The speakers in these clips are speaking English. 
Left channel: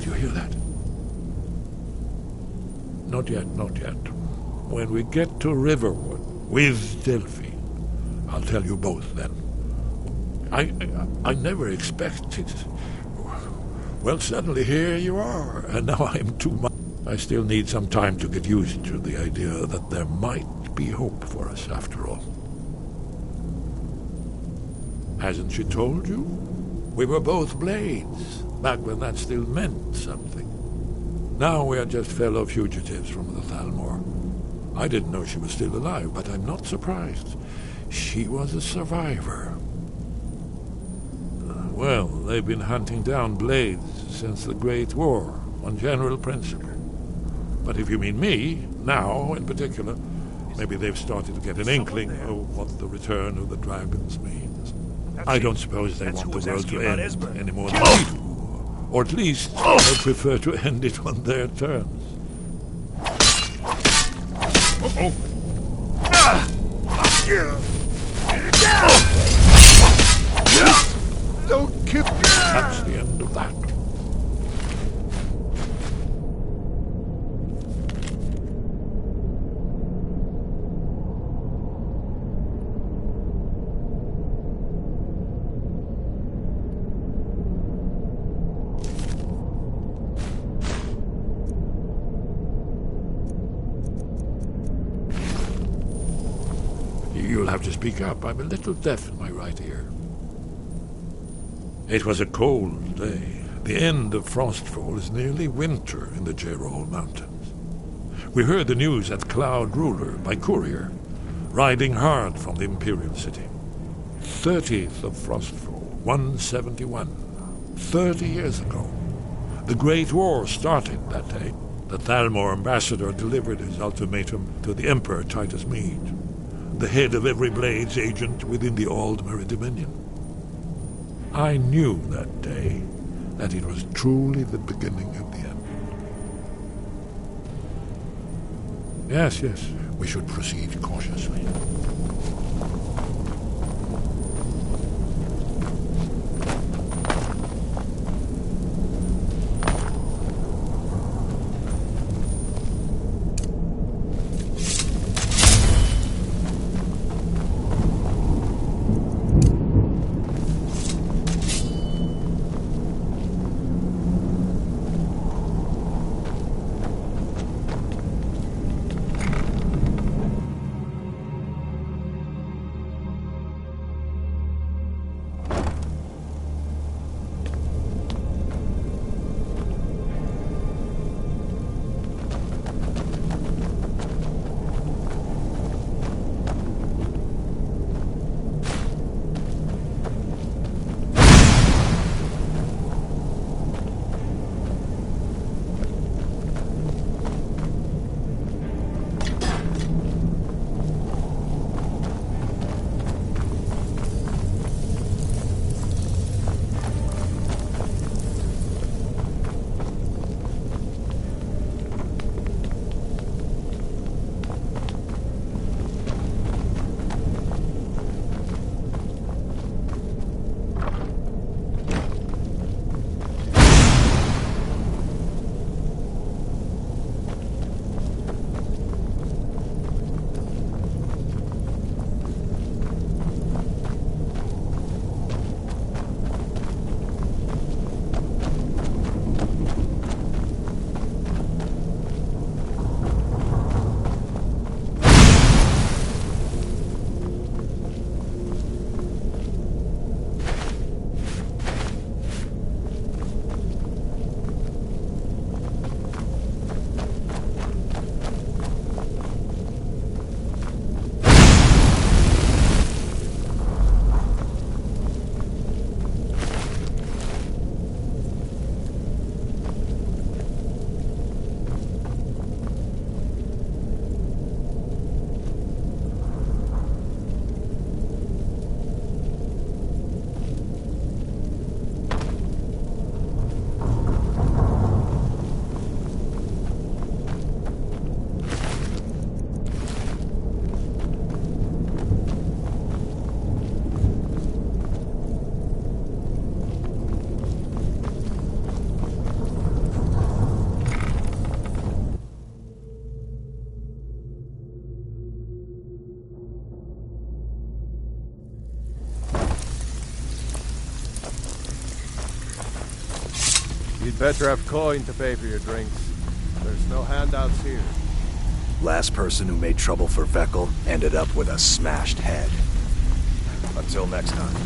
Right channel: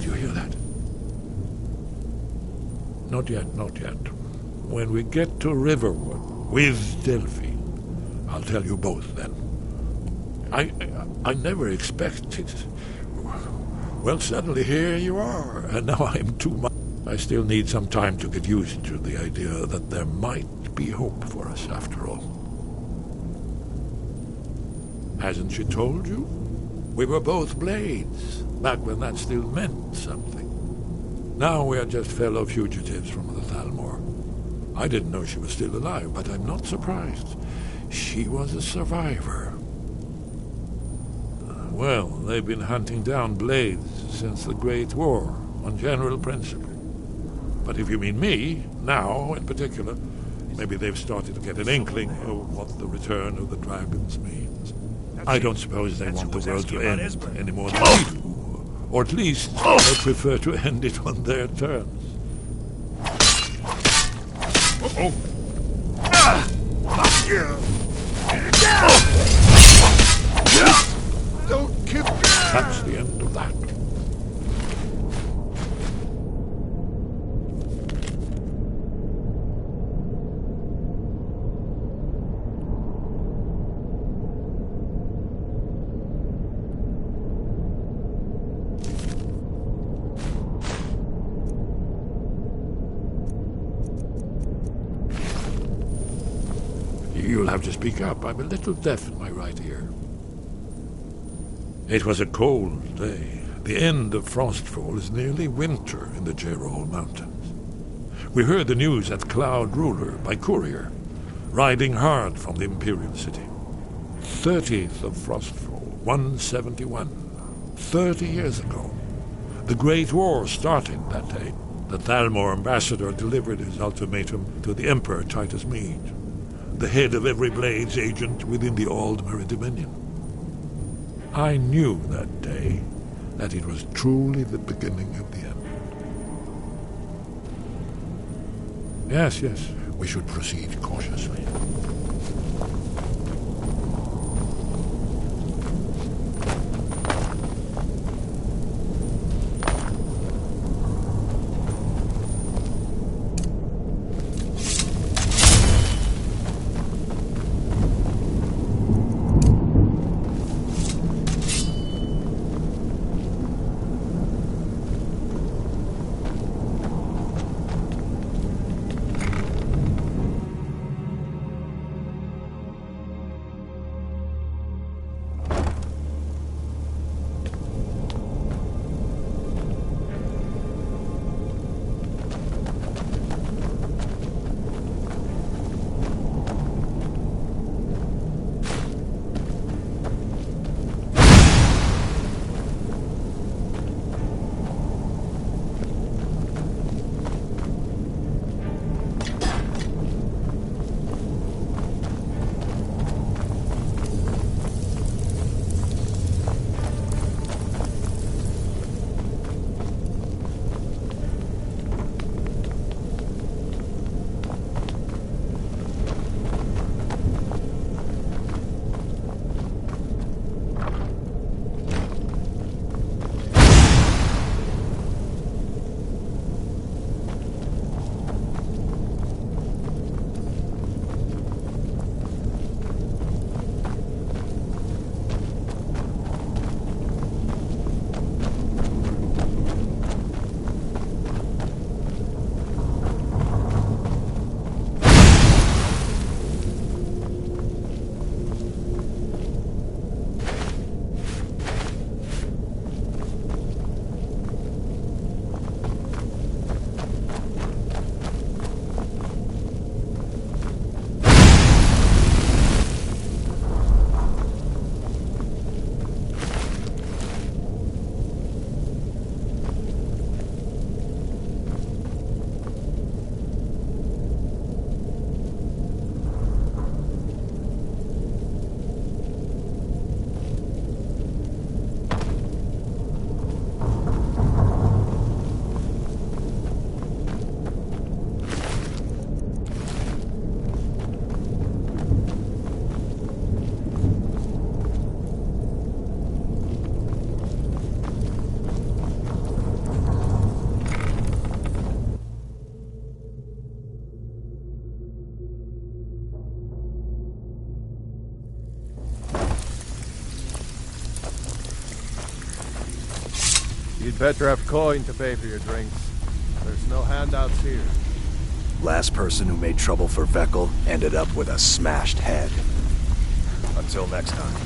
Did you hear that? Not yet, not yet. When we get to Riverwood with Delphi, I'll tell you both then. I never expected. Well, suddenly here you are, and now I'm too much. I still need some time to get used to the idea that there might be hope for us after all. Hasn't she told you? We were both blades, back when that still meant something. Now we are just fellow fugitives from the Thalmor. I didn't know she was still alive, but I'm not surprised. She was a survivor. Well, they've been hunting down blades since the Great War, on general principle. But if you mean me, now in particular, maybe they've started to get an inkling of what the return of the dragons means. I don't suppose they want the world to end any more than we do. Or at least they prefer to end it on their terms. Uh-oh. Don't kill. That's the end of that. You'll have to speak up. I'm a little deaf in my right ear. It was a cold day. The end of Frostfall is nearly winter in the Gerol Mountains. We heard the news at Cloud Ruler by courier, riding hard from the Imperial City. 30th of Frostfall, 171. 30 years ago. The Great War started that day. The Thalmor ambassador delivered his ultimatum to the Emperor Titus Mede, the head of every Blades agent within the Aldmeri Dominion. I knew that day that it was truly the beginning of the end. Yes, we should proceed cautiously. You'd better have coin to pay for your drinks. There's no handouts here. Last person who made trouble for Veckel ended up with a smashed head. Until next time.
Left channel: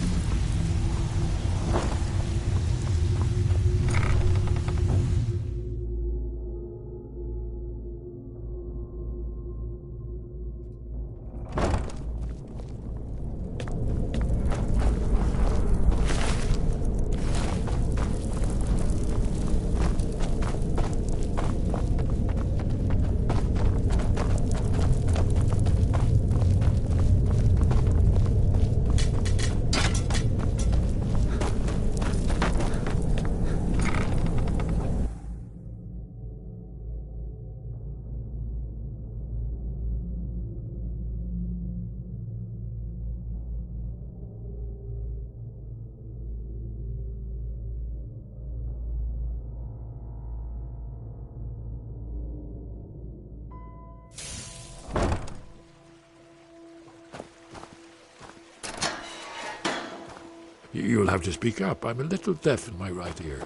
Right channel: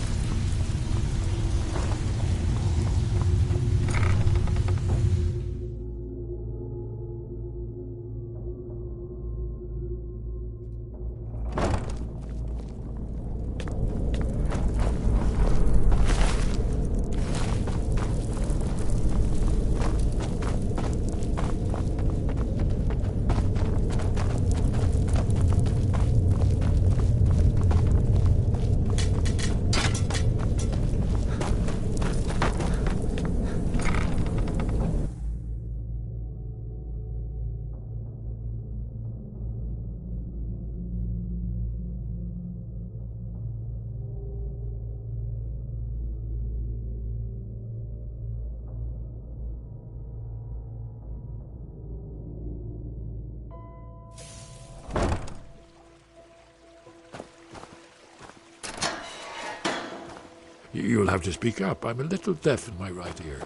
You'll have to speak up. I'm a little deaf in my right ear.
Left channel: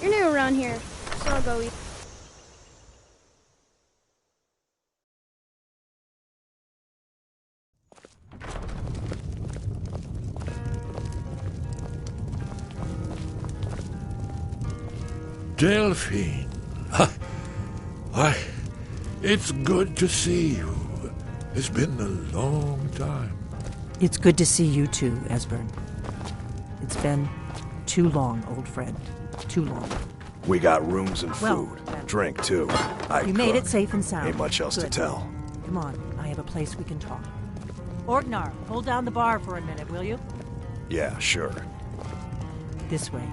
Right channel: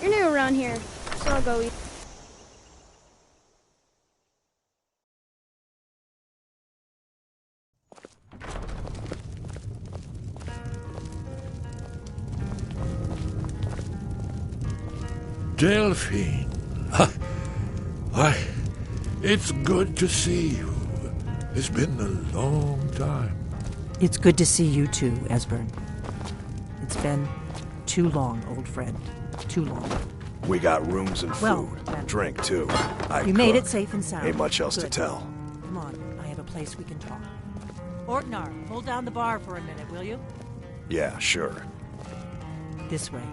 You're new around here, so I'll go eat. Delphine. Why, it's good to see you. It's been a long time. It's good to see you too, Esbern. It's been too long, old friend. Too long. We got rooms and food. Well, Drink, too. You made it safe and sound. Ain't much else to Good. tell. Come on, I have a place we can talk. Ortnar, hold down the bar for a minute, will you? Yeah, sure. This way.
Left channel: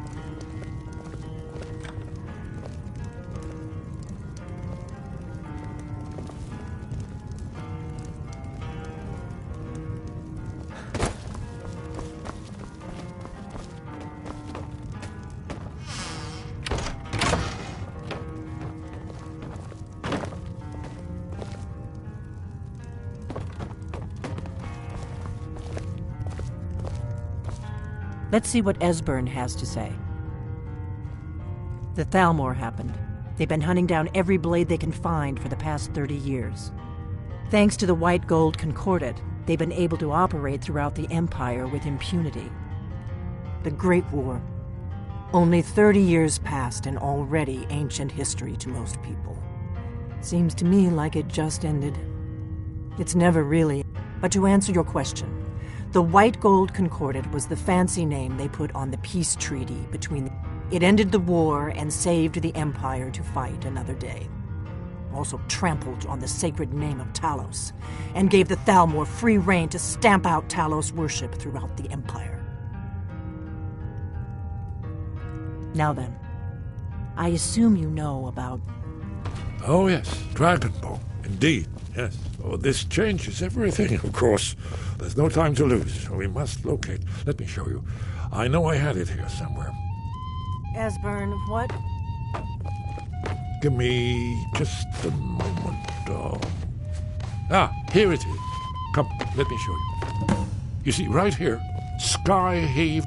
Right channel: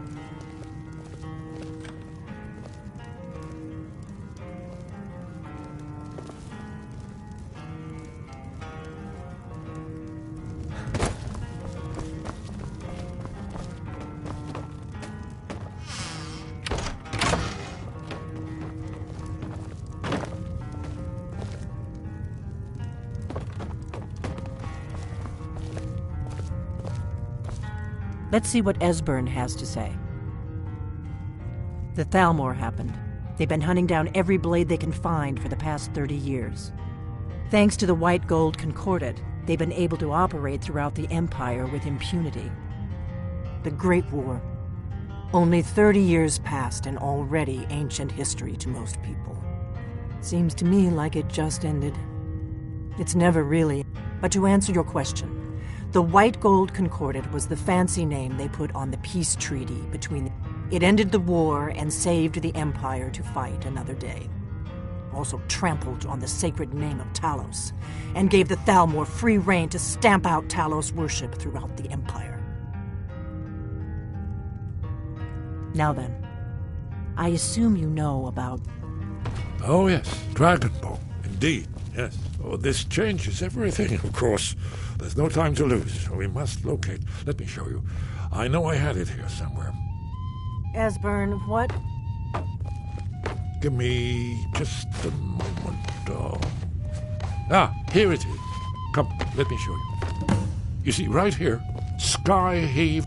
Let's see what Esbern has to say. The Thalmor happened. They've been hunting down every blade they can find for the past 30 years. Thanks to the White Gold Concordat, they've been able to operate throughout the Empire with impunity. The Great War. Only 30 years passed and already ancient history to most people. Seems to me like it just ended. It's never really. But to answer your question, the White Gold Concordat was the fancy name they put on the peace treaty between It ended the war and saved the Empire to fight another day. Also trampled on the sacred name of Talos, and gave the Thalmor free rein to stamp out Talos worship throughout the Empire. Now then, I assume you know about... Oh, yes, Dragonbow. Indeed, yes. Oh, this changes everything, of course. There's no time to lose. We must locate. Let me show you. I know I had it here somewhere. Esbern, what? Give me just a moment. Here it is. Come, let me show you. You see, right here, Sky Heave.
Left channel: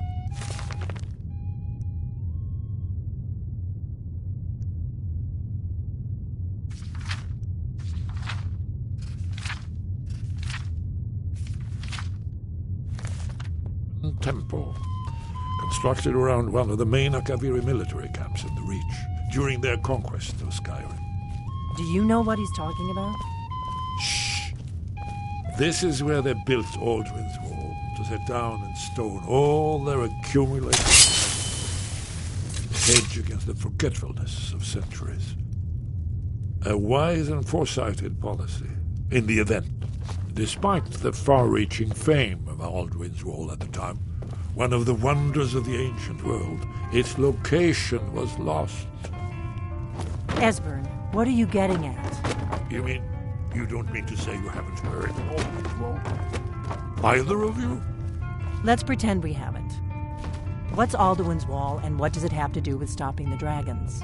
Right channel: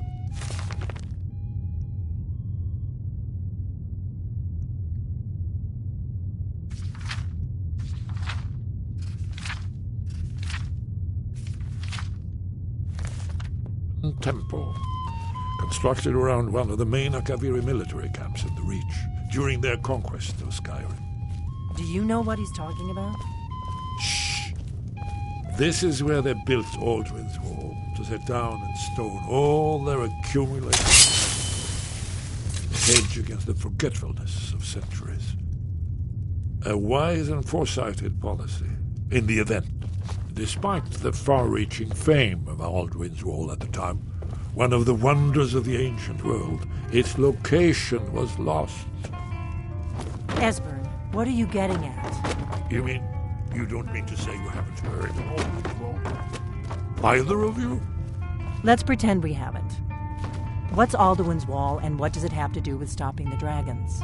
ancient temple, constructed around one of the main Akaviri military camps in the Reach during their conquest of Skyrim. Do you know what he's talking about? Shh! This is where they built Aldrin's Wall, to set down in stone all their accumulated knowledge, hedge against the forgetfulness of centuries. A wise and foresighted policy, in the event. Despite the far-reaching fame of Aldrin's Wall at the time, one of the wonders of the ancient world, its location was lost. Esbern, what are you getting at? You don't mean to say you haven't heard of Aldrin's Wall? Either of you? Let's pretend we haven't. What's Alduin's Wall, and what does it have to do with stopping the dragons?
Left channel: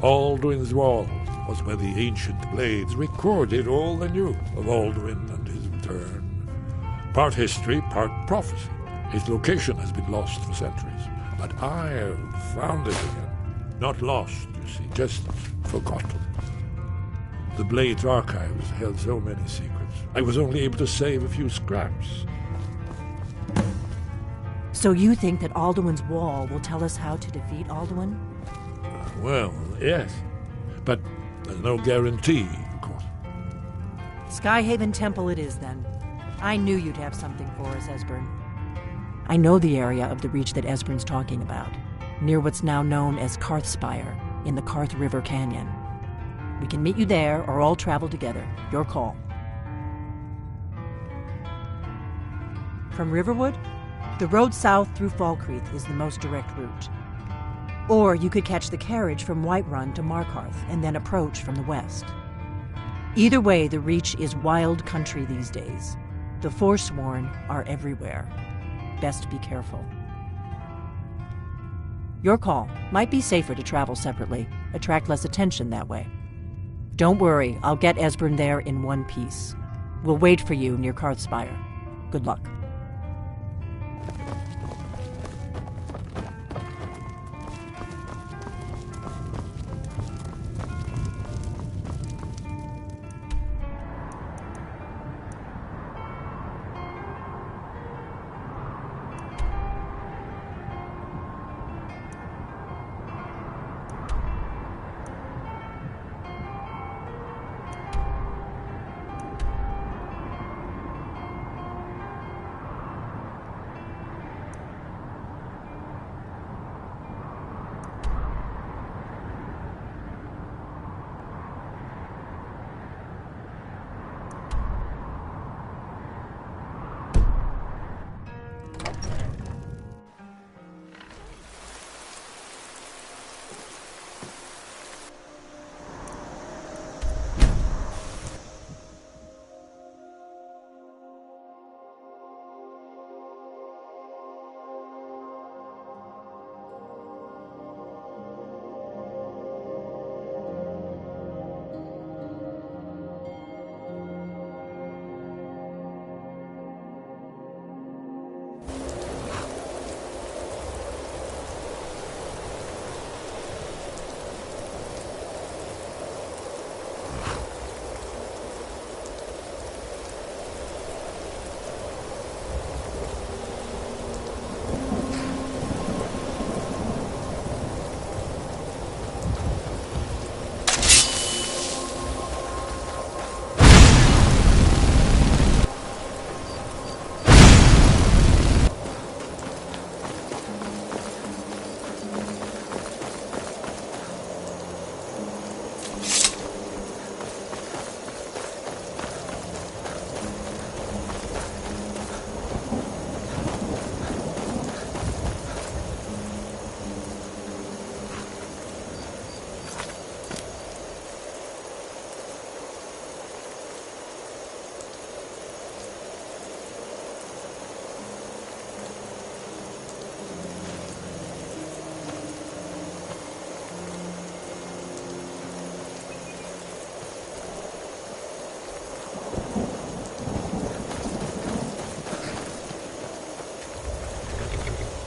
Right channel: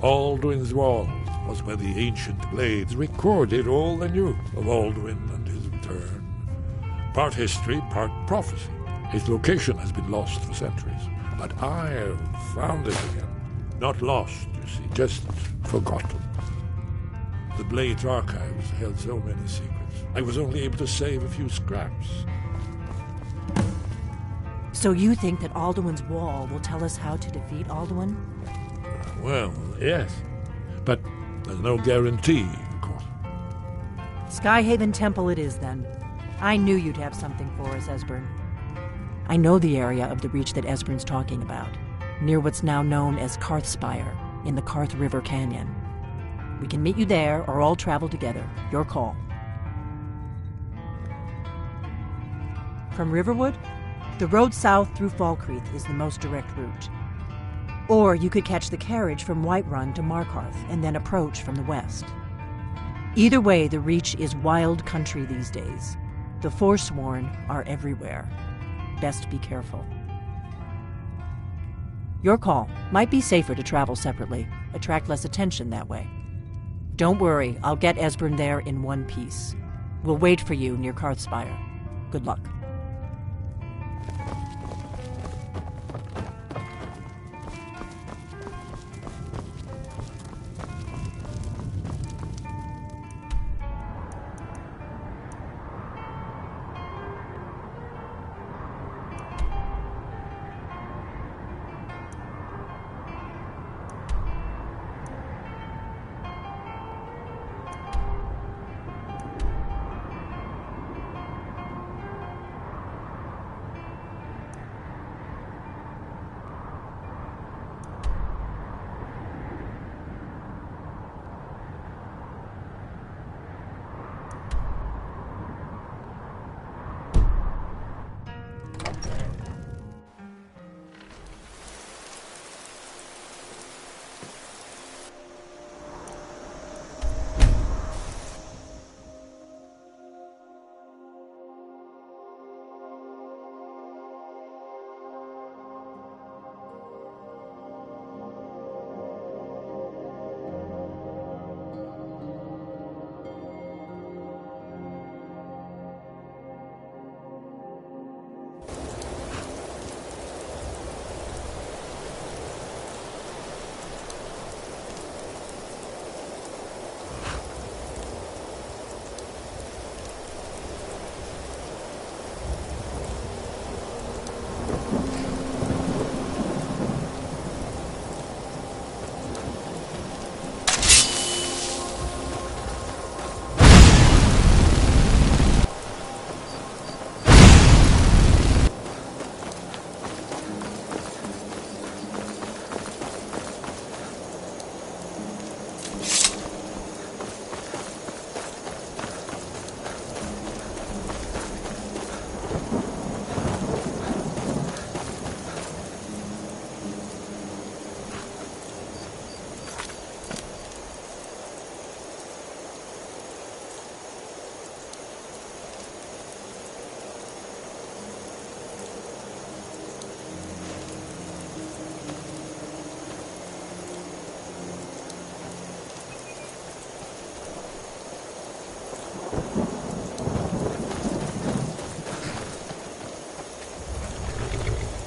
Aldrin's Wall was where the ancient blades recorded all they knew of Aldrin and his return. Part history, part prophecy. Its location has been lost for centuries, but I have found it again. Not lost, you see, just forgotten. The Blade's archives held so many secrets. I was only able to save a few scraps. So you think that Alduin's Wall will tell us how to defeat Alduin? Well, yes. But there's no guarantee, of course. Skyhaven Temple it is, then. I knew you'd have something for us, Esbern. I know the area of the Reach that Esbern's talking about, near what's now known as Karthspire, in the Karth River Canyon. We can meet you there, or all travel together. Your call. From Riverwood, the road south through Falkreath is the most direct route. Or you could catch the carriage from Whiterun to Markarth and then approach from the west. Either way, the Reach is wild country these days. The Forsworn are everywhere. Best be careful. Your call. Might be safer to travel separately. Attract less attention that way. Don't worry, I'll get Esbern there in one piece. We'll wait for you near Karthspire. Good luck.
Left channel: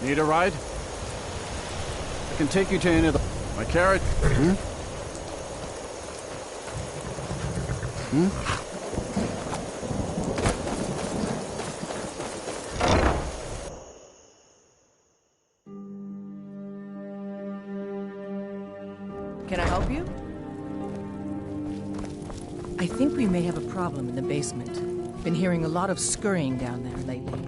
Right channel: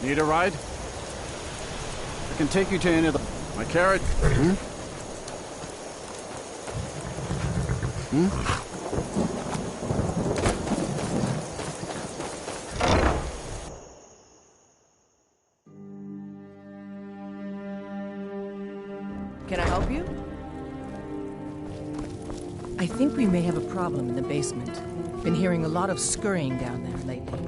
Need a ride? I can take you to any of the... My carriage... you may have a problem in the basement. Been hearing a lot of scurrying down there lately.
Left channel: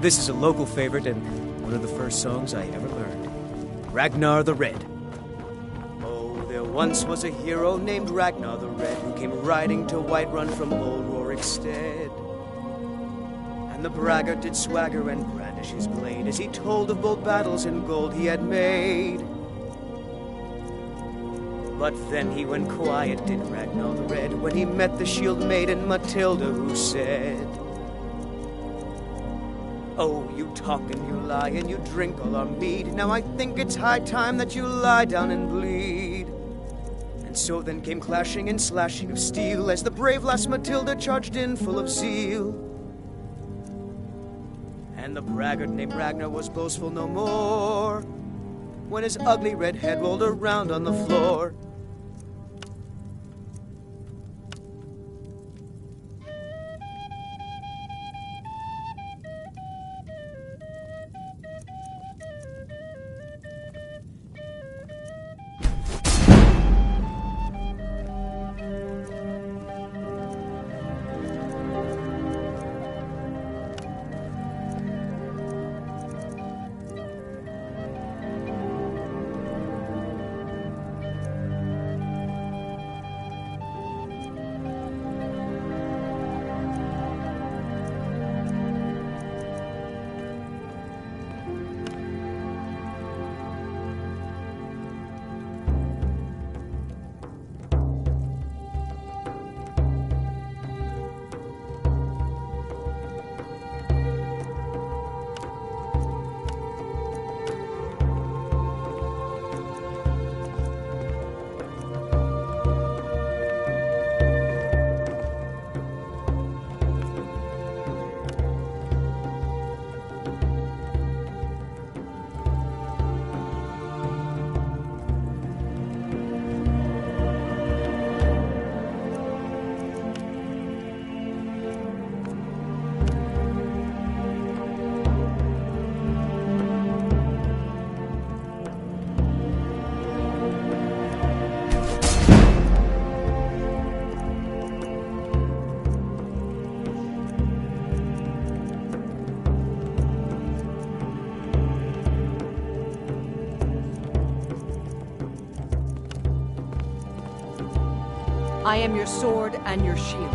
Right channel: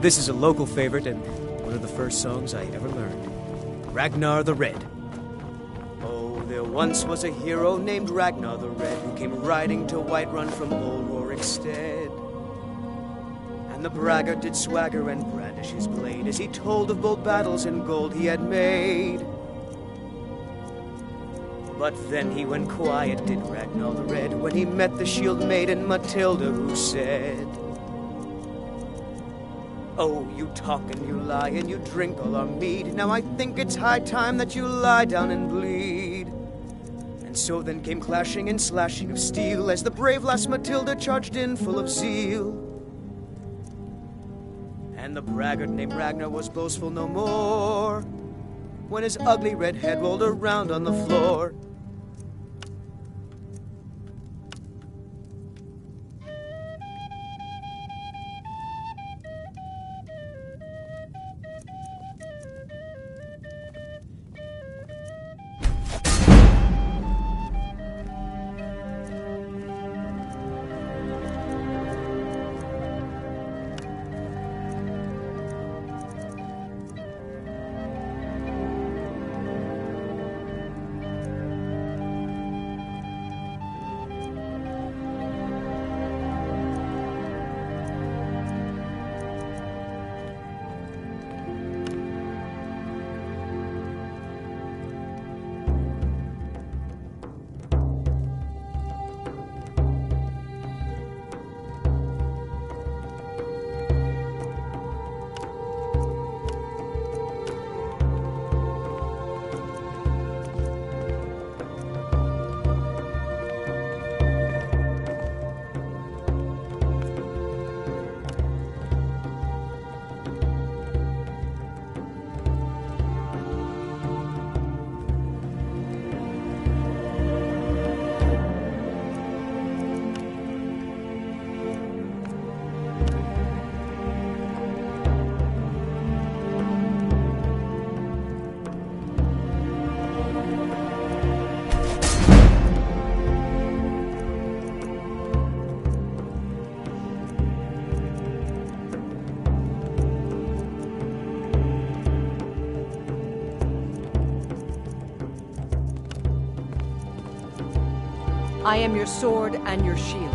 This is a local favorite and one of the first songs I ever learned. Ragnar the Red. Oh, there once was a hero named Ragnar the Red who came riding to Whiterun from old Rorikstead. And the braggart did swagger and brandish his blade as he told of bold battles and gold he had made. But then he went quiet, did Ragnar the Red, when he met the shield maiden Matilda, who said, "Oh, you talk and you lie and you drink all our mead. Now I think it's high time that you lie down and bleed." And so then came clashing and slashing of steel as the brave lass Matilda charged in full of zeal. And the braggart named Ragnar was boastful no more when his ugly red head rolled around on the floor. I am your sword and your shield.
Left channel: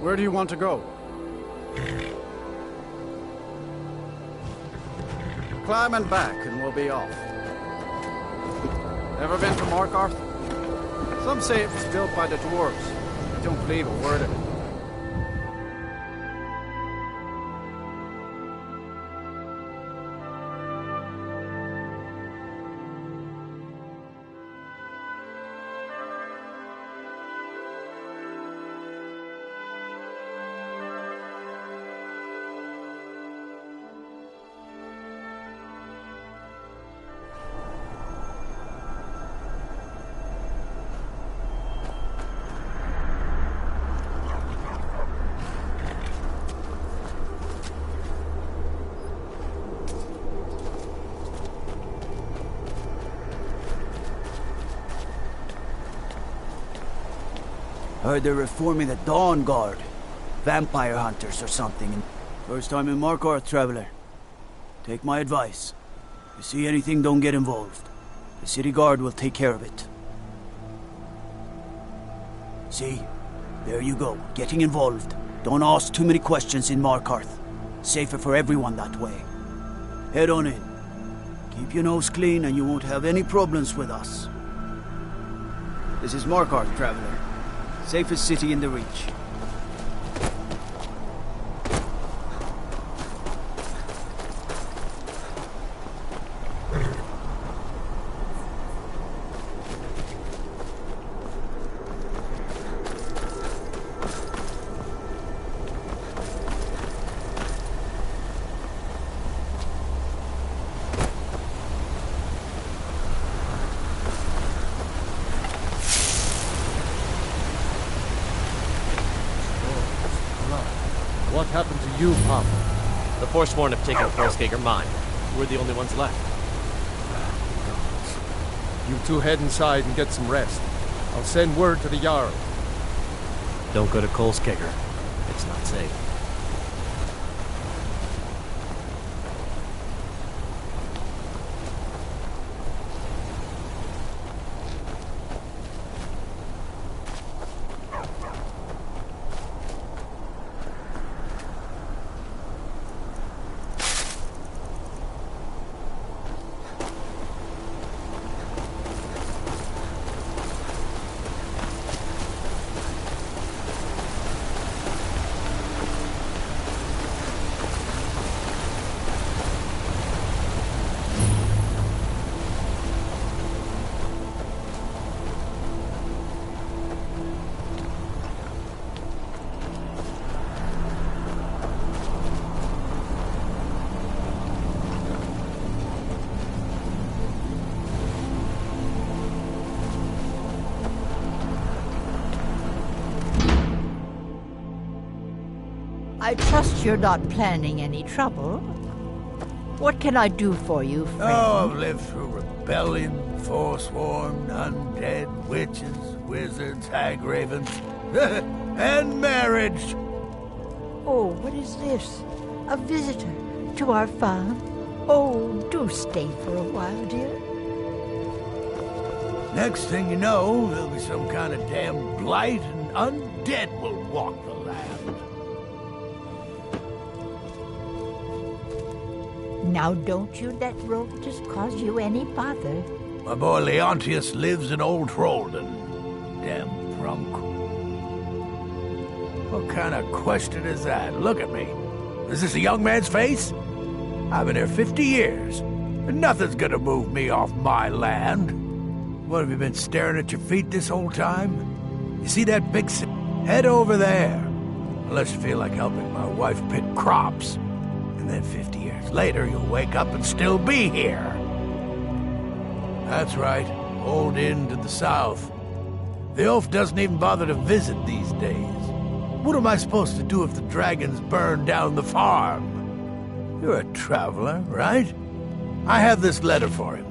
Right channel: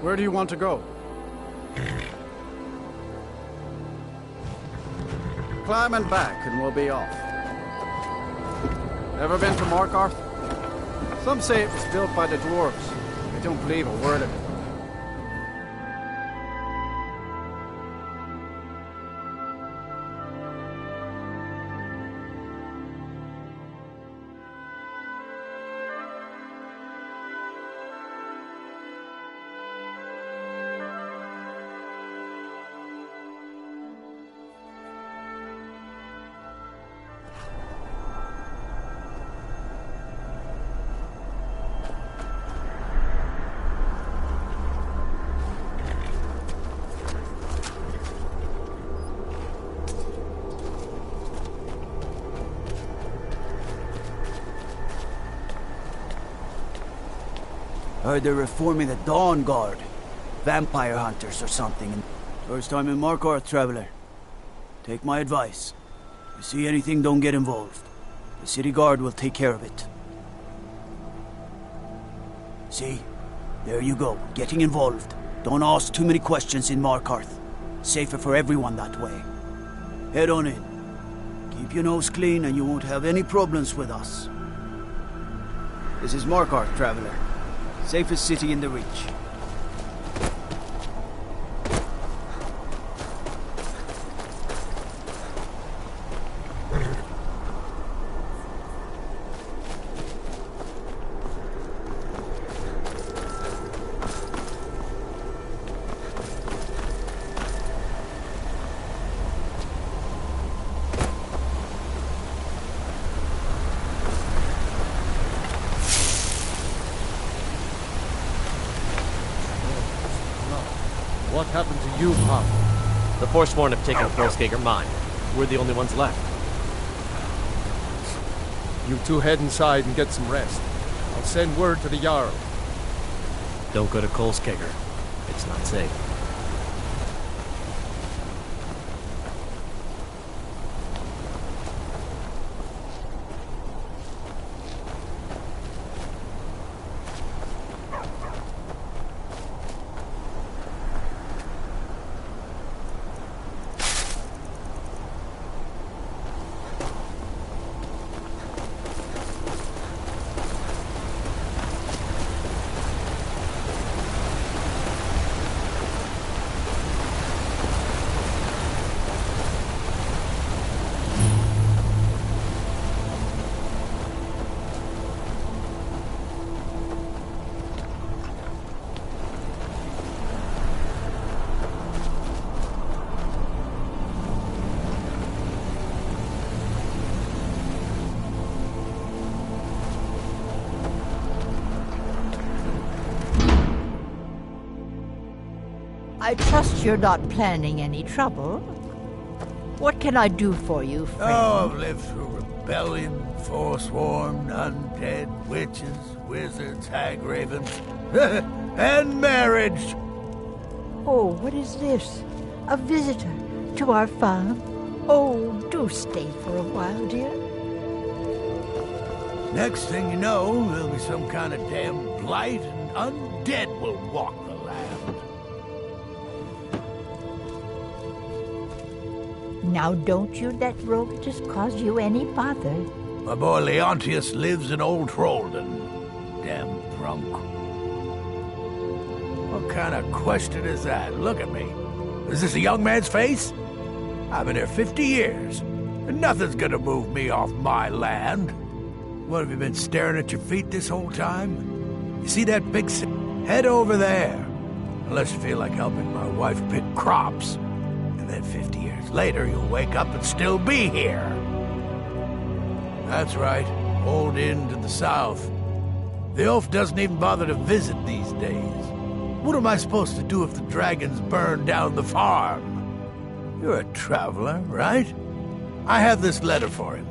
Where do you want to go? Climb and back and we'll be off. Ever been to Markarth? Some say it was built by the dwarves. I don't believe a word of it. Heard they're reforming the Dawn Guard. Vampire hunters or something. First time in Markarth, traveler. Take my advice. You see anything, don't get involved. The city guard will take care of it. See? There you go, getting involved. Don't ask too many questions in Markarth. Safer for everyone that way. Head on in. Keep your nose clean and you won't have any problems with us. This is Markarth, traveler. Safest city in the Reach. What happened to you, Pop? The Forsworn have taken Hrollskager mine. We're the only ones left. You two head inside and get some rest. I'll send word to the Jarl. Don't go to Kolskager. It's not safe. I trust you're not planning any trouble. What can I do for you, friend? Oh, I've lived through rebellion, forsworn, undead, witches, wizards, hag ravens, and marriage. Oh, what is this? A visitor to our farm? Oh, do stay for a while, dear. Next thing you know, there'll be some kind of damn blight and undead will walk the land. Now don't you let Rovitus cause you any bother. My boy Leontius lives in Old Trollden. Damn drunk. What kind of question is that? Look at me. Is this a young man's face? I've been here 50 years, and nothing's gonna move me off my land. What, have you been staring at your feet this whole time? You see that big head over there? Unless you feel like helping my wife pick crops. And then 50 years later, you'll wake up and still be here. That's right, Old Inn to the south. The oaf doesn't even bother to visit these days. What am I supposed to do if the dragons burn down the farm? You're a traveler, right? I have this letter for him.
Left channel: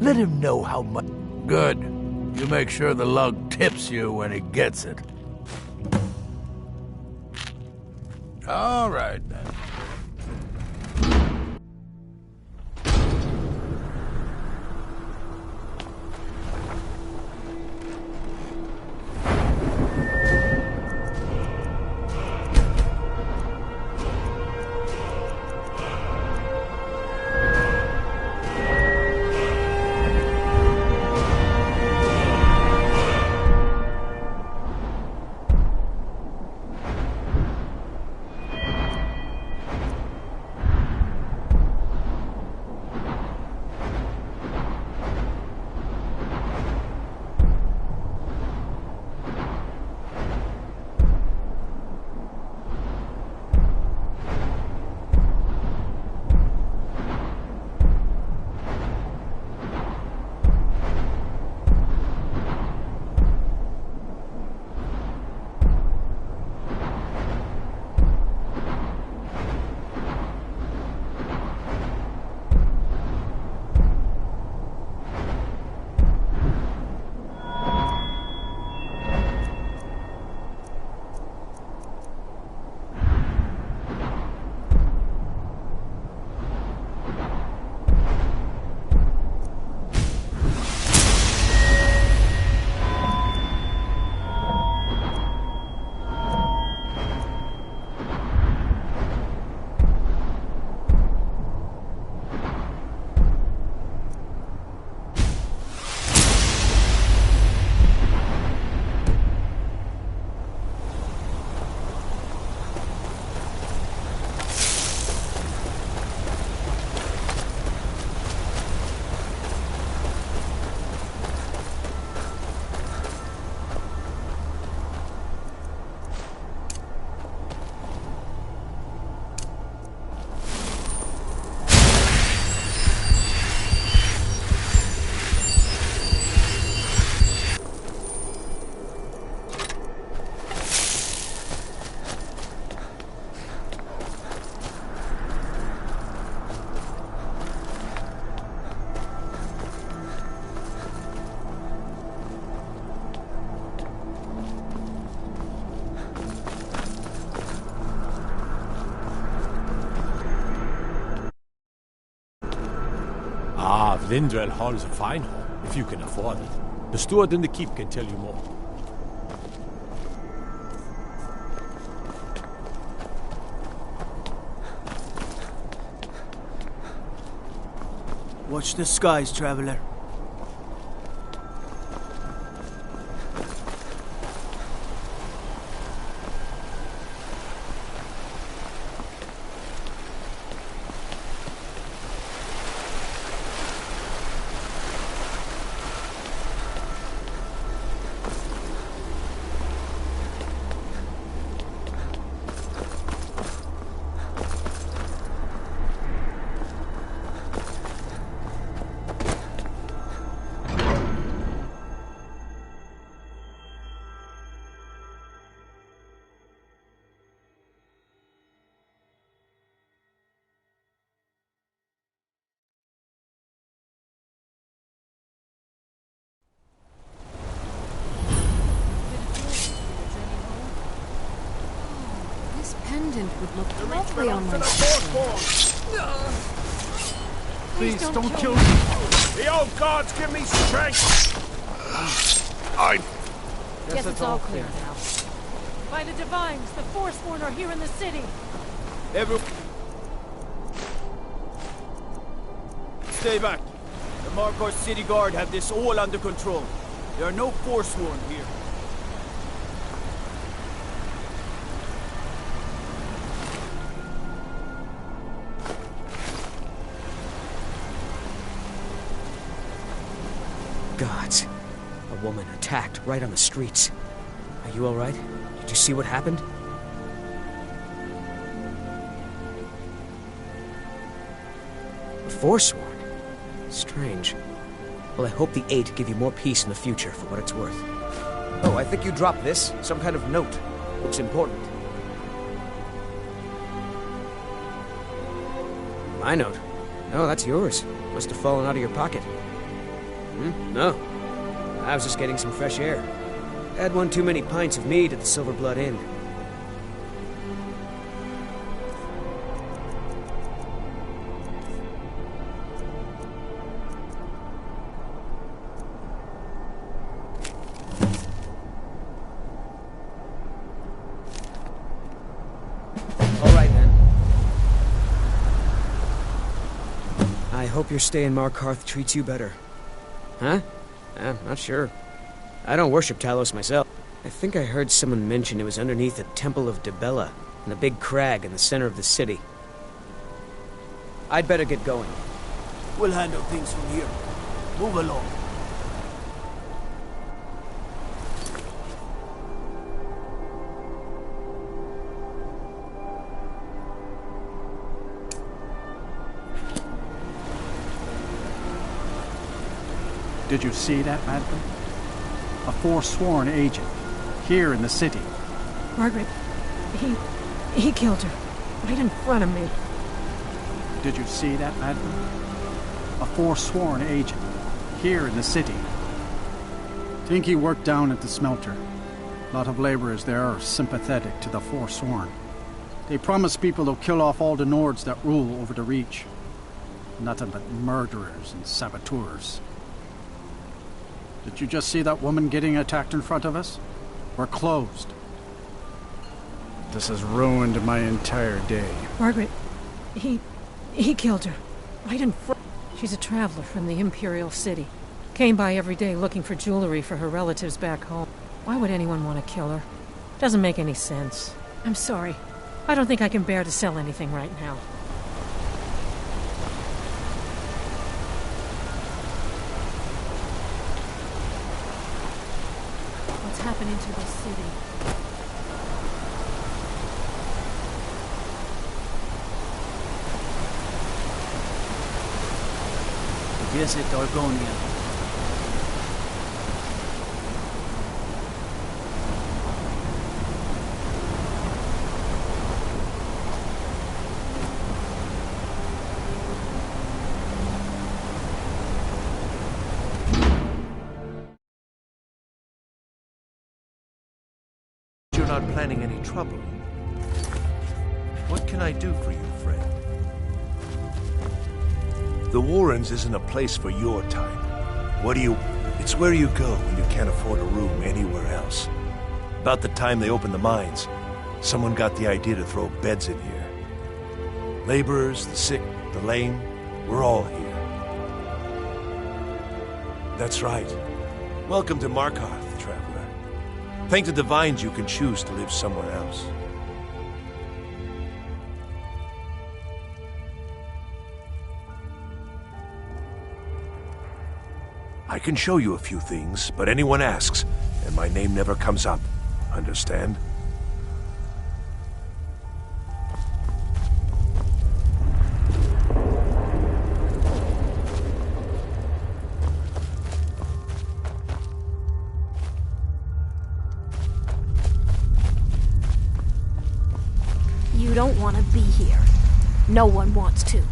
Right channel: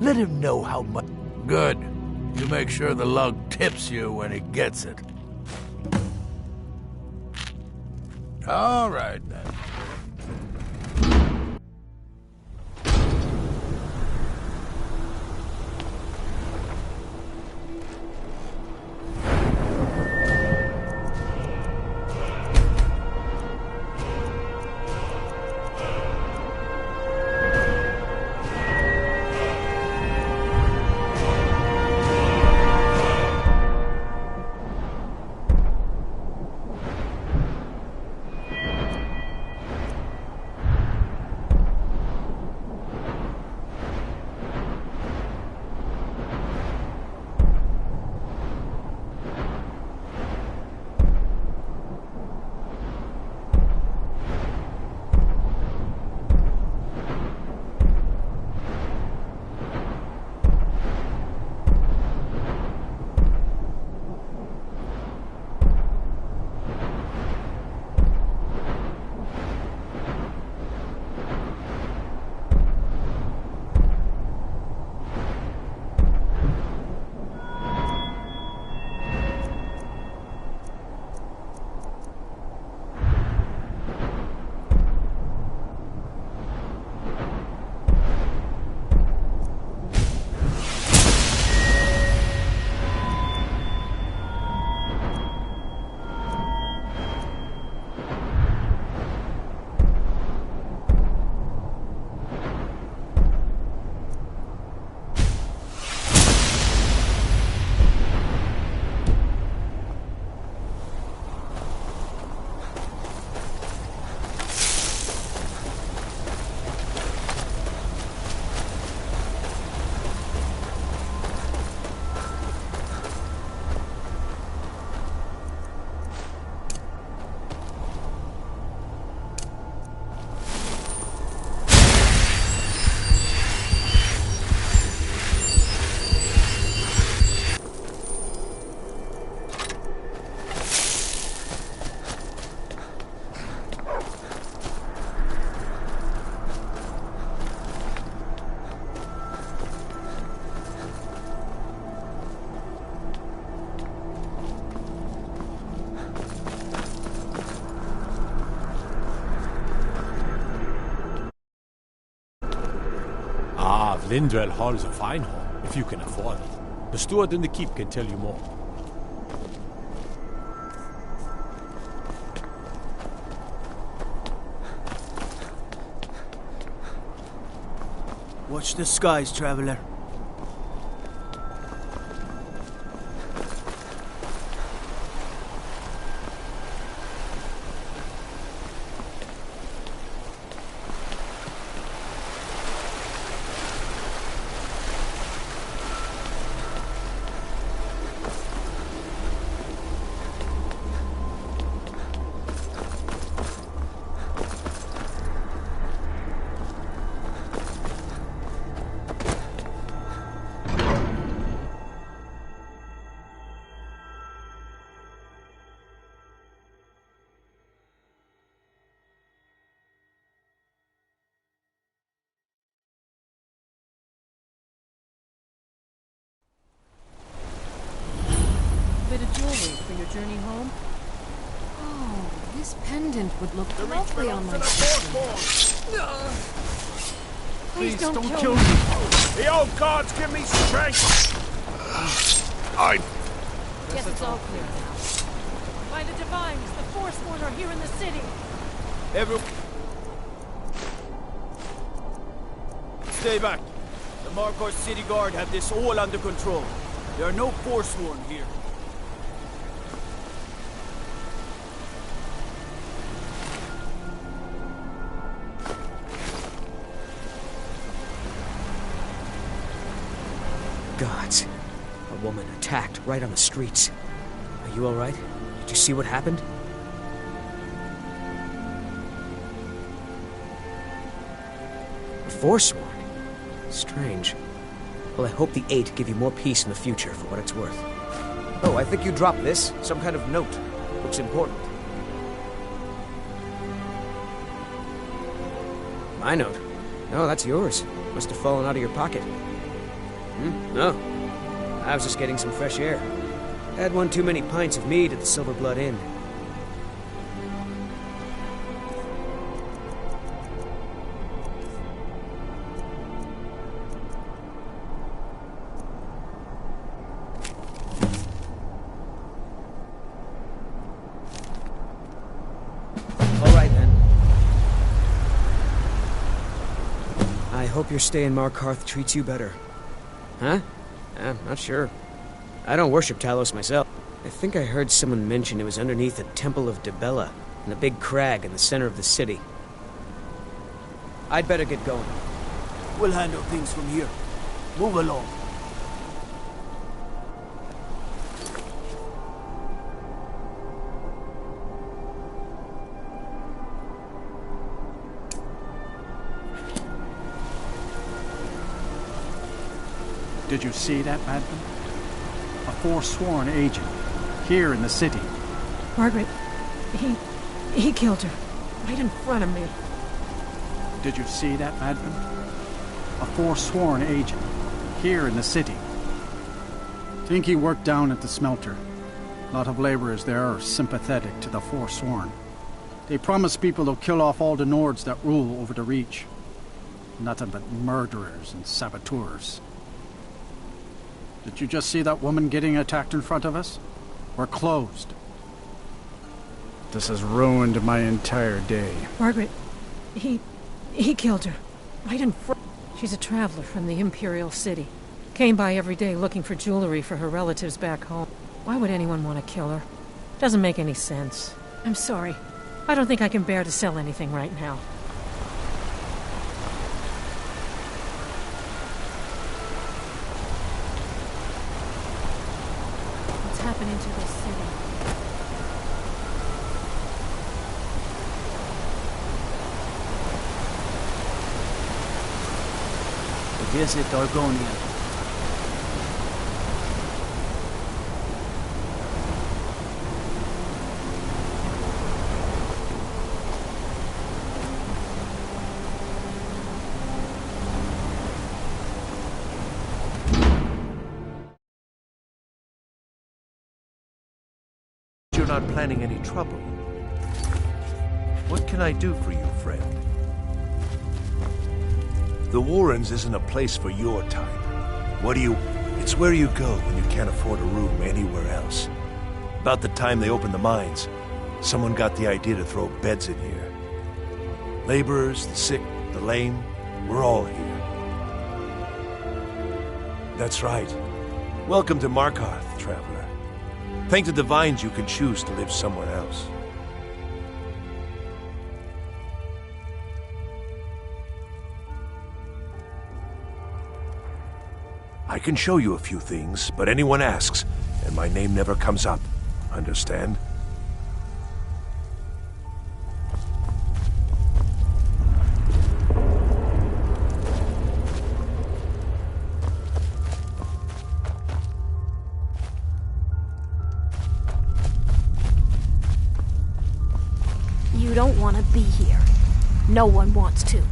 Let him know how much... Good. You make sure the lug tips you when he gets it. All right, then. Lindwell Hall is a fine hall, if you can afford it. The steward in the keep can tell you more. Watch the skies, traveler. This pendant would look lovely on my skin. Please don't kill me. The old gods give me strength! Guess it's all clear now. By the divines, the Forsworn are here in the city. Stay back. The Markor City Guard have this all under control. There are no Forsworn here. Gods. A woman attacked right on the streets. Are you alright? Did you see what happened? The Forsworn? Strange. Well, I hope the Eight give you more peace in the future for what it's worth. Oh, I think you dropped this. Some kind of note. Looks important. My note? No, that's yours. Must have fallen out of your pocket. No. I was just getting some fresh air. Had one too many pints of mead at the Silver Blood Inn. All right, then. I hope your stay in Markarth treats you better. Huh? I'm not sure. I don't worship Talos myself. I think I heard someone mention it was underneath the Temple of Dibella, in the big crag in the center of the city. I'd better get going. We'll handle things from here. Move along. Did you see that, madman? A Forsworn agent, here in the city. Margaret, he killed her, right in front of me. Did you see that, madman? A Forsworn agent, here in the city. Think he worked down at the smelter. A lot of laborers there are sympathetic to the Forsworn. They promise people they'll kill off all the Nords that rule over the Reach. Nothing but murderers and saboteurs. Did you just see that woman getting attacked in front of us? We're closed. This has ruined my entire day. Margaret, he killed her, right in front. She's a traveler from the Imperial City. Came by every day looking for jewelry for her relatives back home. Why would anyone want to kill her? Doesn't make any sense. I'm sorry. I don't think I can bear to sell anything right now. What's happening to this city? Visit Argonia. You're not planning any trouble. What can I do for you, friend? The Warrens isn't a place for your type. It's where you go when you can't afford a room anywhere else. About the time they opened the mines, someone got the idea to throw beds in here. Laborers, the sick, the lame, we're all here. That's right. Welcome to Markarth, traveler. Thank the Divines you can choose to live somewhere else. I can show you a few things, but anyone asks, and my name never comes up. Understand? You don't want to be here. No one wants to.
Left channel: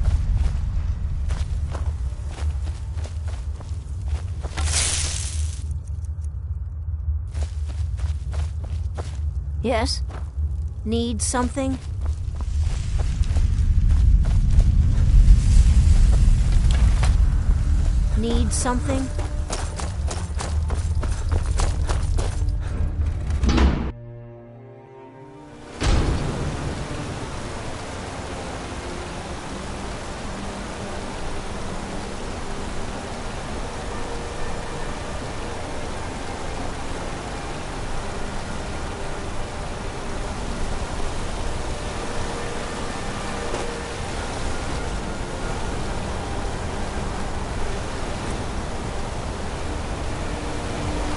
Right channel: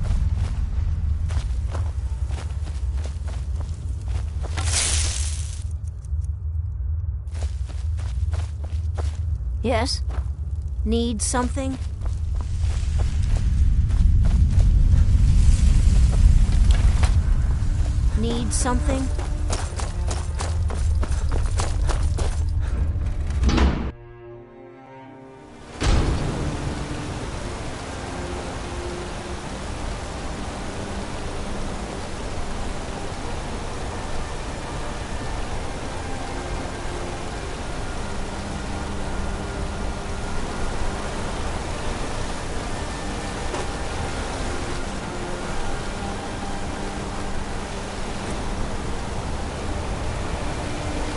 Yes? Need something? Need something?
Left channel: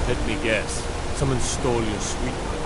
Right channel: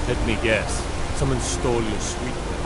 Let me guess. Someone stole your sweet milk.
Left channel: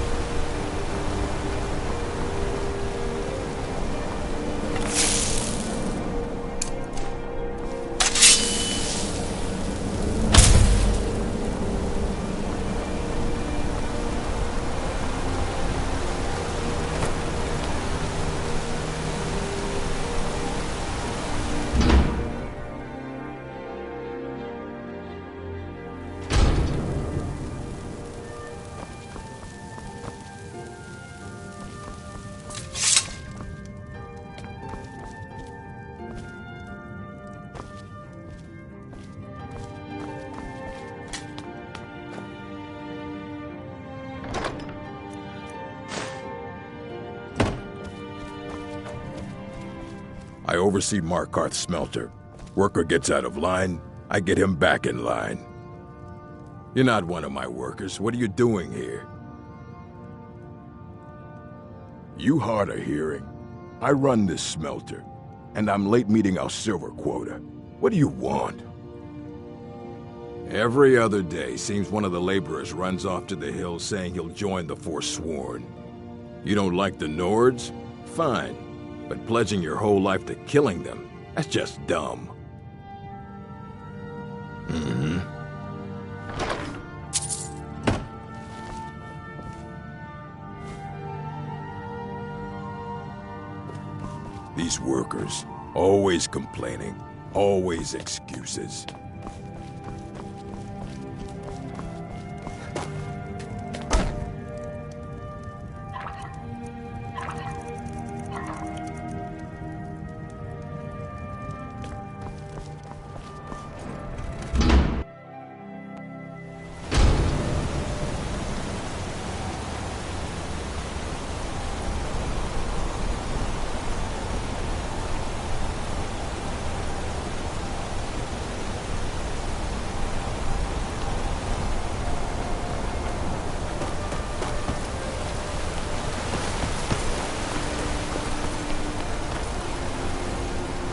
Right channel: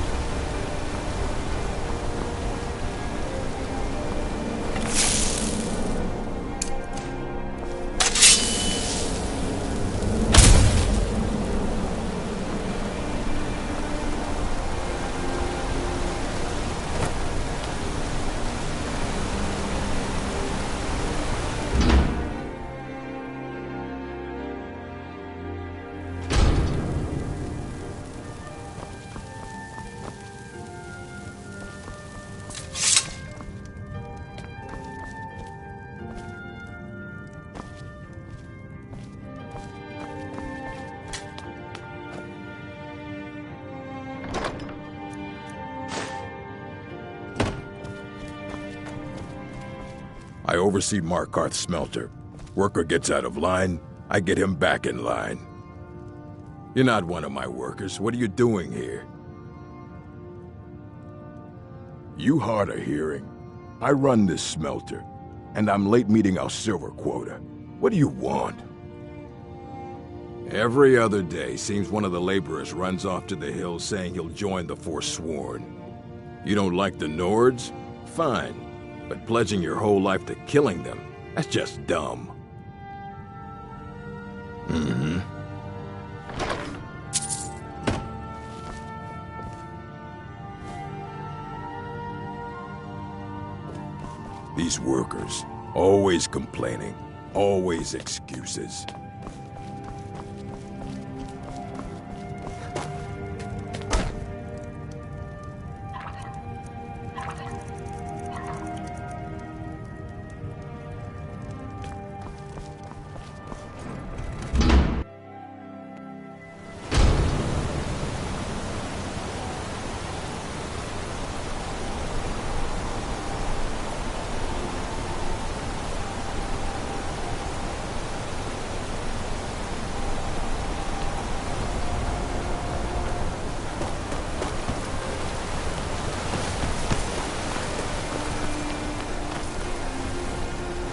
I oversee Markarth's smelter. Worker gets out of line, I get him back in line. You're not one of my workers. What are you doing here? You hard of hearing. I run this smelter, and I'm late meeting our silver quota. What do you want? Every other day, seems one of the laborers runs off to the hills saying he'll join the Forsworn. You don't like the Nords? Fine. But pledging your whole life to killing them, that's just dumb. Mm-hmm. These workers, always complaining, always excuses.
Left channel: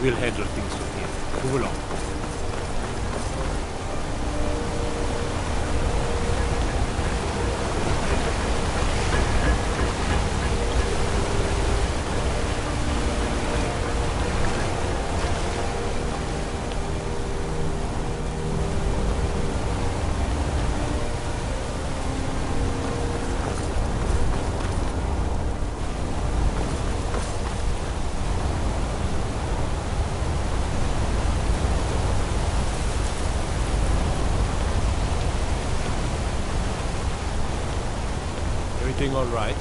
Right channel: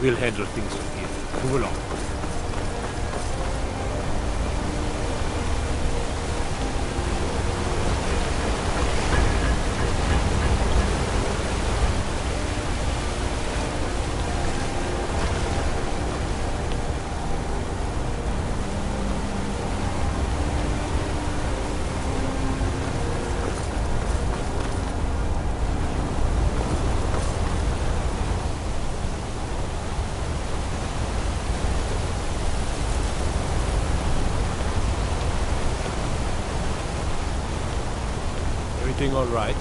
We'll handle things from here. Move along. Everything all right?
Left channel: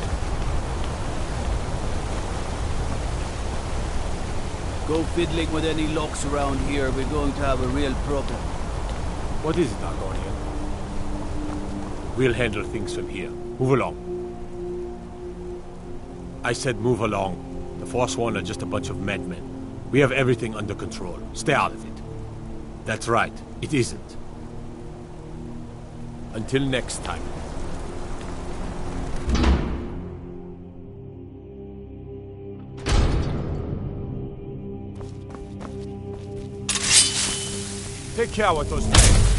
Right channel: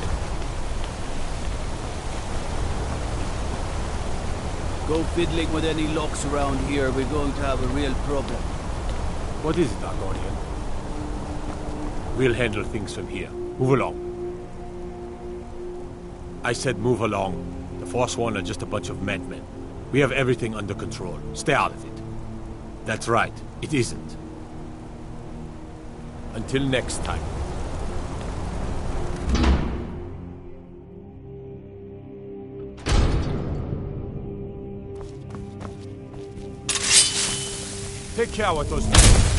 Go fiddling with any locks around here, we're going to have a real problem. What is it, Argonian? We'll handle things from here. Move along. I said move along. The Forsworn are just a bunch of madmen. We have everything under control. Stay out of it. That's right, it isn't. Until next time. Take care with those things.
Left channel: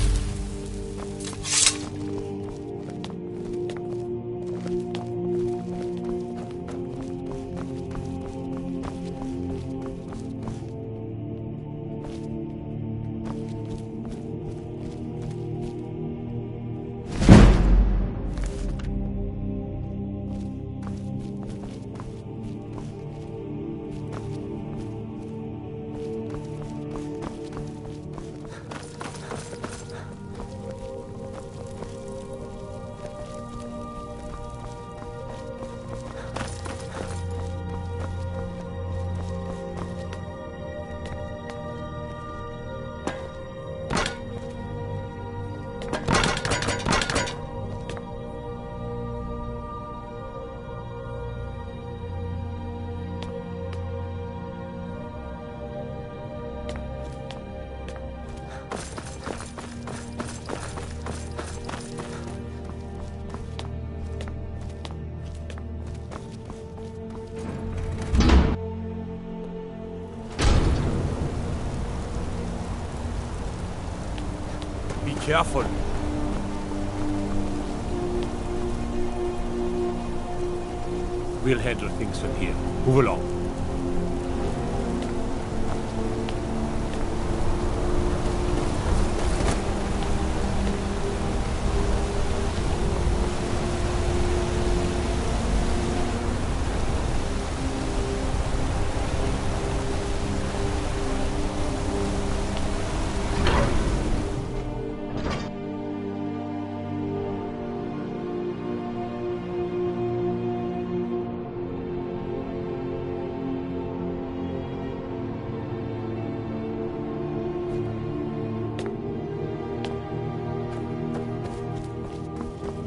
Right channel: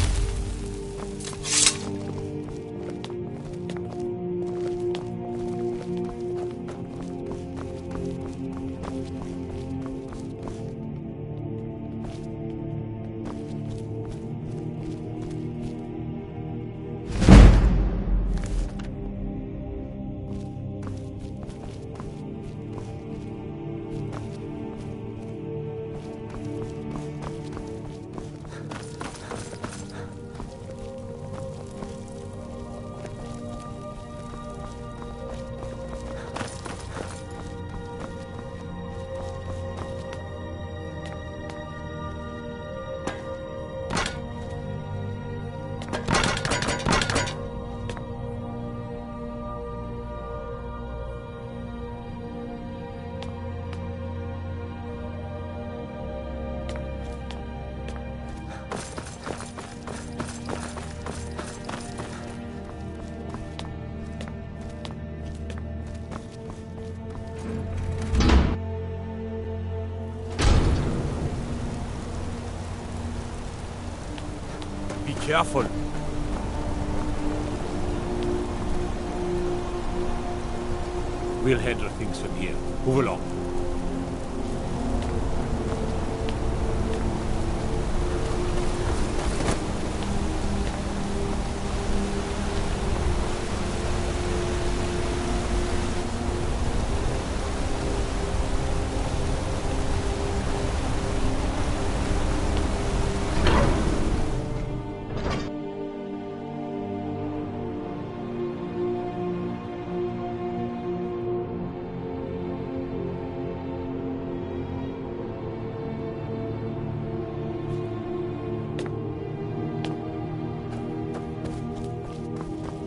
Be careful. We'll handle things from here. Move along.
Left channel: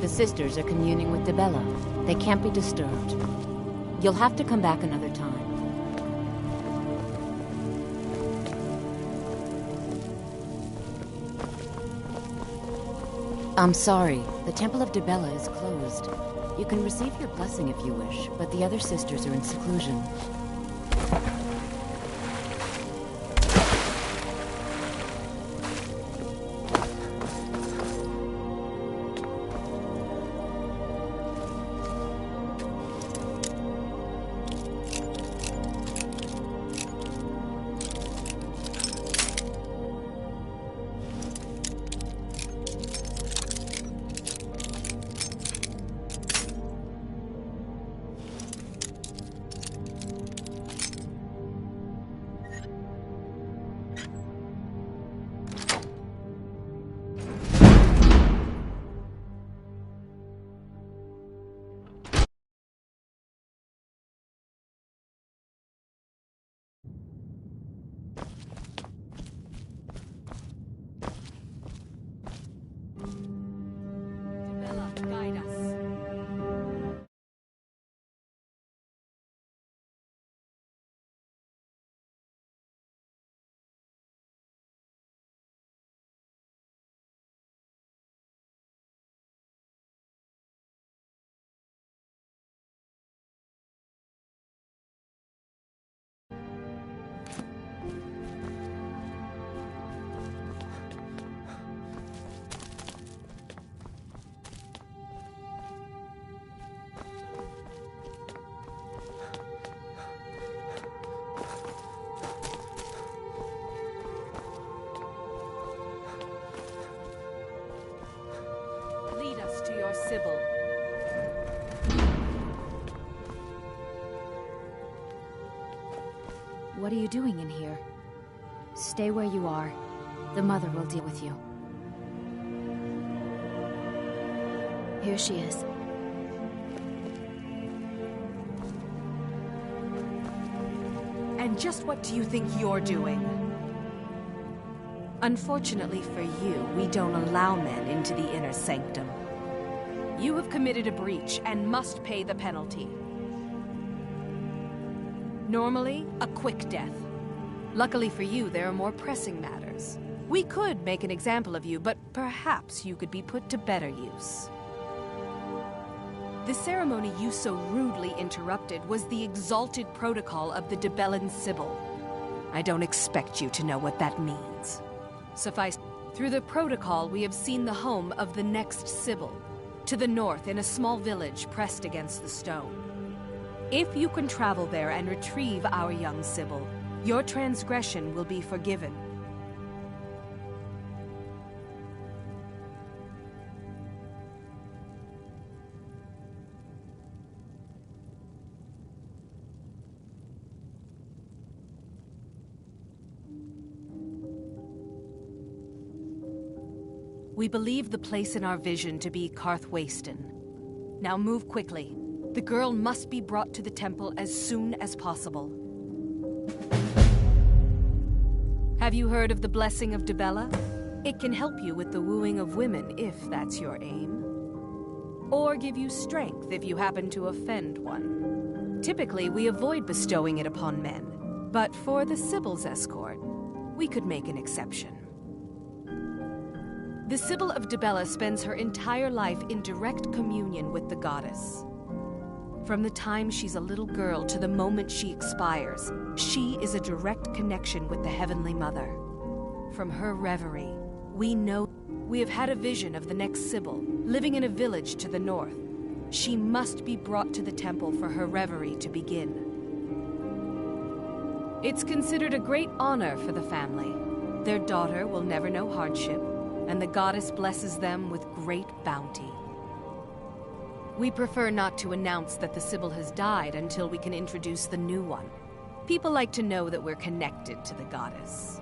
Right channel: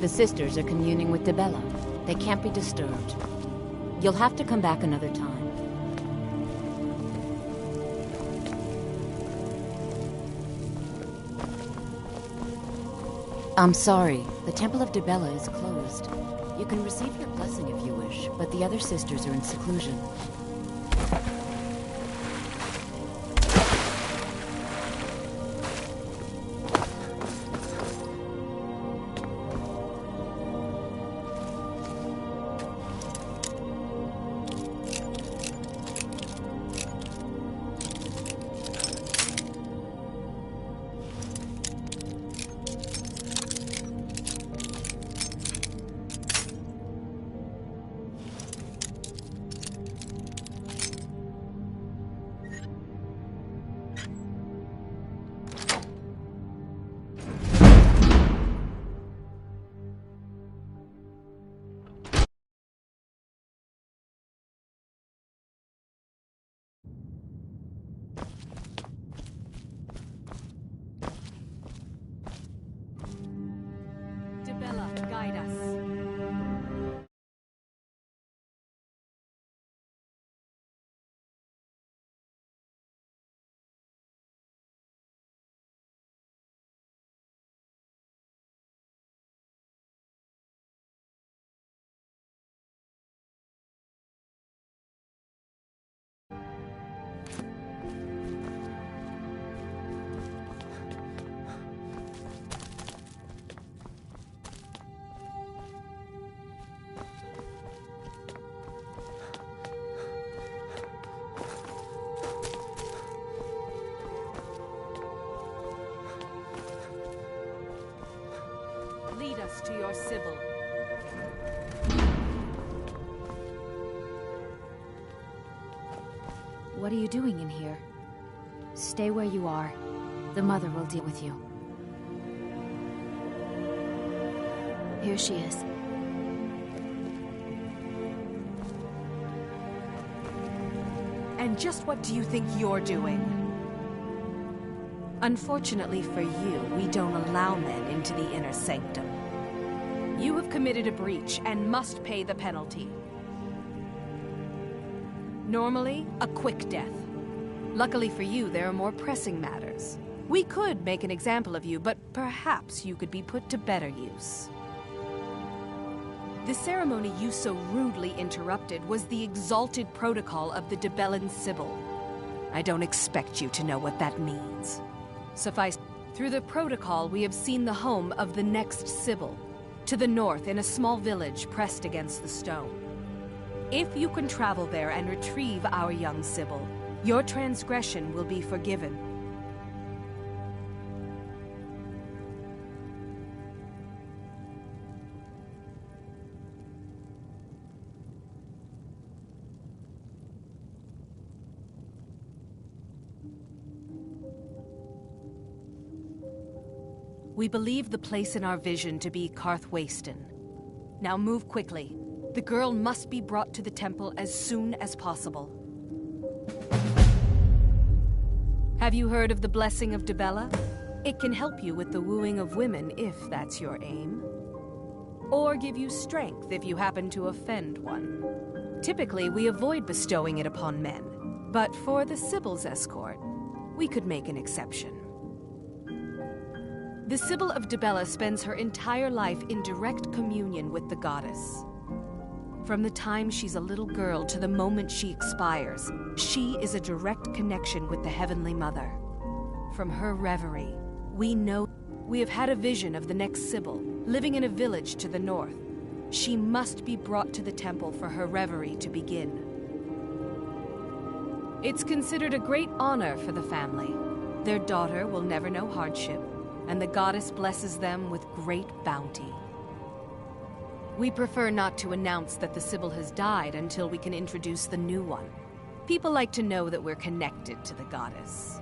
The sisters are communing with Dibella. They can't be disturbed. You'll have to come back another time. I'm sorry. The Temple of Dibella is closed. You can receive your blessing if you wish, but the other sisters are in seclusion. Guide us. Lead us to your Sybil. What are you doing in here? Stay where you are. The mother will deal with you. Here she is. And just what do you think you're doing? Unfortunately for you, we don't allow men into the inner sanctum. You have committed a breach and must pay the penalty. Normally, a quick death. Luckily for you, there are more pressing matters. We could make an example of you, but perhaps you could be put to better use. The ceremony you so rudely interrupted was the exalted protocol of the Dibellan Sibyl. I don't expect you to know what that means. Suffice, through the protocol we have seen the home of the next Sibyl, to the north in a small village pressed against the stone. If you can travel there and retrieve our young Sibyl, your transgression will be forgiven. We believe the place in our vision to be Karthwasten. Now move quickly. The girl must be brought to the temple as soon as possible. Have you heard of the blessing of Dibella? It can help you with the wooing of women if that's your aim. Or give you strength if you happen to offend one. Typically, we avoid bestowing it upon men, but for the Sibyl's escort, we could make an exception. The Sibyl of Dibella spends her entire life in direct communion with the goddess. From the time she's a little girl to the moment she expires, she is a direct connection with the Heavenly Mother. From her reverie, we know we have had a vision of the next Sibyl, living in a village to the north. She must be brought to the temple for her reverie to begin. It's considered a great honor for the family. Their daughter will never know hardship, and the goddess blesses them with great bounty. We prefer not to announce that the Sibyl has died until we can introduce the new one. People like to know that we're connected to the goddess.